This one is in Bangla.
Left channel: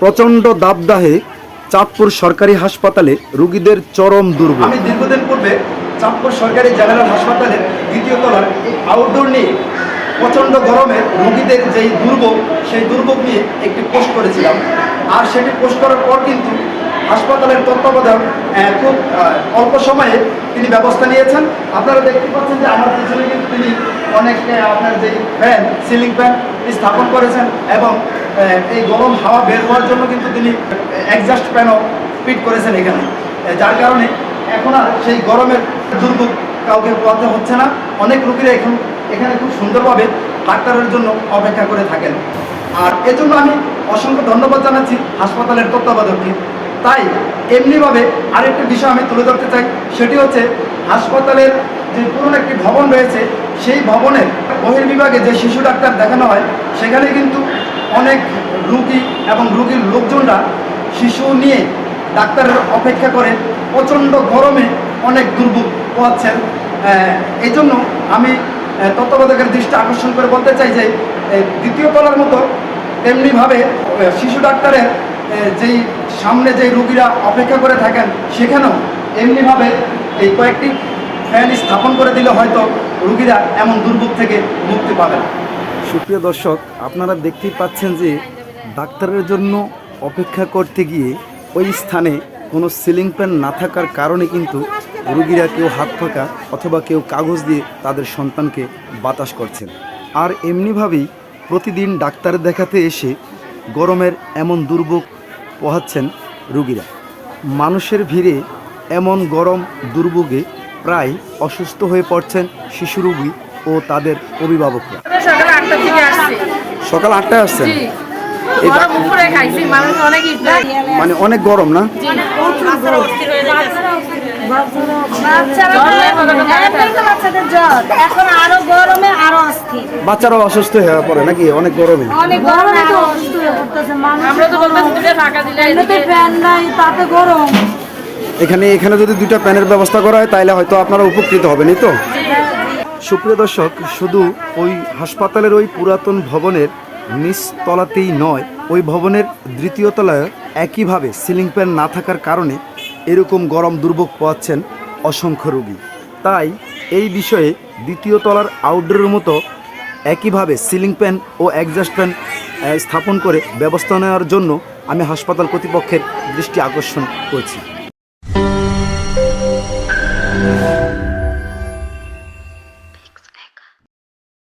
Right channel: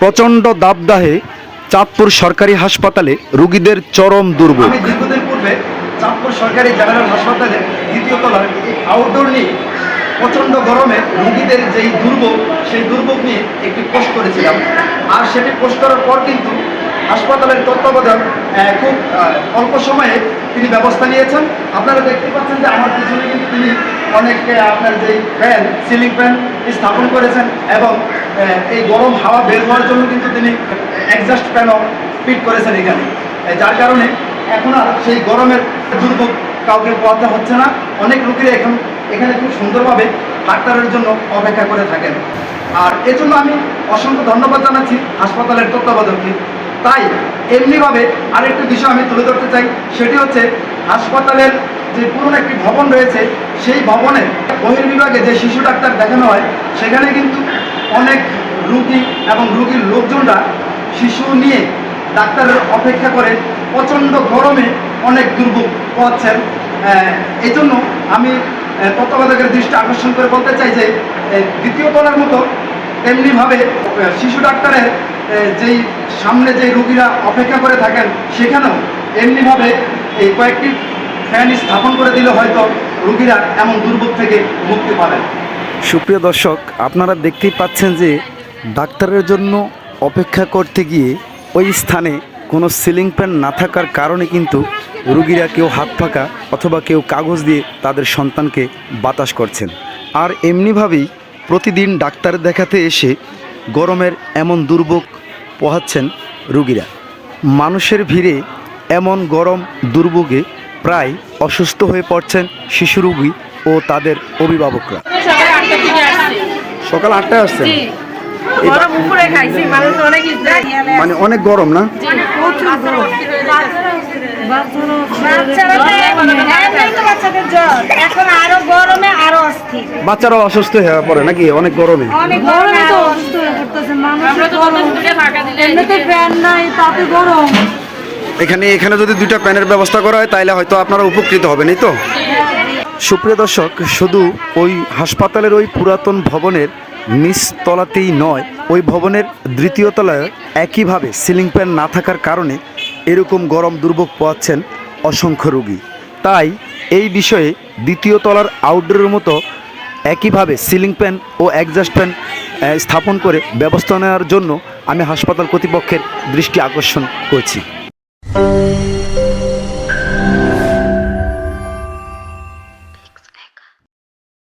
প্রচণ্ড দাবদাহে চাঁদপুর সরকারি হাসপাতালে রোগীদের চরম দুর্ভোগ। আমি দীর্ঘদিন পূর্বে চাঁদপুর সরকারি জেনারেল হাসপাতালের দ্বিতীয় তলার আউটডোর নিয়ে প্রচণ্ড গরমে রোগীদের যেই দুর্ভোগ, সেই দুর্ভোগ নিয়ে একটি পোস্ট করেছিলাম। আর সেটি পোস্ট করার পর কিন্তু হাসপাতালের তত্ত্বাবধায়ক খুব অল্প সময়ে তিনি ব্যবস্থা নিয়েছেন। আপনারা দেখতে পাচ্ছেন যে আমার পিছনে কিন্তু তিনি অনেক আপনার যেই ফ্যান, সিলিং ফ্যান স্থাপন করেছেন এবং এই গরম হাওয়া বের হওয়ার জন্য কিন্তু তিনি এক্সস্ট ফ্যানও ফিট করেছেন এখানে, যার কারণে এখন আর সেই গরমের দুর্ভোগ কাউকে পোহাতে হচ্ছে না। অনেক রোগীরা এখানে খুব সুন্দরভাবে ডাক্তারের জন্য অপেক্ষা করে থাকেন। আর এজন্য আমি অসংখ্য ধন্যবাদ জানাচ্ছি হাসপাতালের তত্ত্বাবধায়ককে। তাই এমনিভাবে আরেকটা বিষয় আমি তুলে ধরতে চাই, সেটি হচ্ছে হাসপাতালের যে পুরনো একটি ভবন রয়েছে, সেই ভবনের বহির্বিভাগে যে শিশু ডাক্তার দেখানো হয়, সেখানে কিন্তু অনেক রুগী এবং রুগীর লোকজনরা শিশু নিয়ে ডাক্তারের অপেক্ষা করে প্রচণ্ড গরমে অনেক দুর্ভোগ পোহাচ্ছেন। এই জন্য আমি তত্ত্বাবধায়কের দৃষ্টি আকর্ষণ করে বলতে চাই যে দ্বিতীয় তলার মতো তেমনিভাবে শিশু ডাক্তারের যেই সামনে যে রোগীরা অপেক্ষা করে থাকেন, সেখানেও এমনিভাবে এই কয়েকটি ফ্যান স্থাপন করে দিলে হয়তো রোগীরা এমন দুর্ভোগ থেকে মুক্তি পাবেন। সুপ্রিয় দর্শক, আপনারা দেখতেই পাচ্ছেন যে ডাক্তারের জন্য অপেক্ষা করতে গিয়ে ওই স্থানে কোনো সিলিং ফ্যান না থাকার কারণে কিন্তু রোগীরা কেউ হাত পাকা অথবা কেউ কাগজ দিয়ে তাদের সন্তানকে বাতাস করছেন। আর এমনিভাবেই প্রতিদিন ডাক্তার দেখাতে এসে গরমের এমন দুর্ভোগ পোহাচ্ছেন রোগীরা। মানুষের ভিড়ে এমন গরম দুর্ভোগে প্রায় অসুস্থ হয়ে পড়ছেন শিশু রোগী ও তাদের অভিভাবকরা। সকাল 8টায় আসছেন? মানে অনেক গরম না? বাচ্চারাও অসুস্থ হয়ে পড়ে নাকি অনেক গরমে? এখানে যদি 2টা ফ্যানের ব্যবস্থা করা হয় তাহলে হয়তো আপনারা উপকৃত হবেন, এই তো। সুপ্রিয় দর্শক, শুধু ওই হাসপাতালের ওই পুরাতন ভবনের নিচ তলাতেই নয়, ওই ভবনের দ্বিতীয় তলায় একইভাবে সিলিং ফ্যান না থাকার কারণে এরকম গরম দুর্ভোগ পোহাচ্ছেন অসংখ্য রোগী। তাই এই বিষয়ে দ্বিতীয় তলার আউটডোরের মতো একইভাবে সিলিং ফ্যান ও এক্সস্ট ফ্যান স্থাপন করে ব্যবস্থা নেওয়ার জন্য আমি হাসপাতাল কর্তৃপক্ষের দৃষ্টি আকর্ষণ করছি।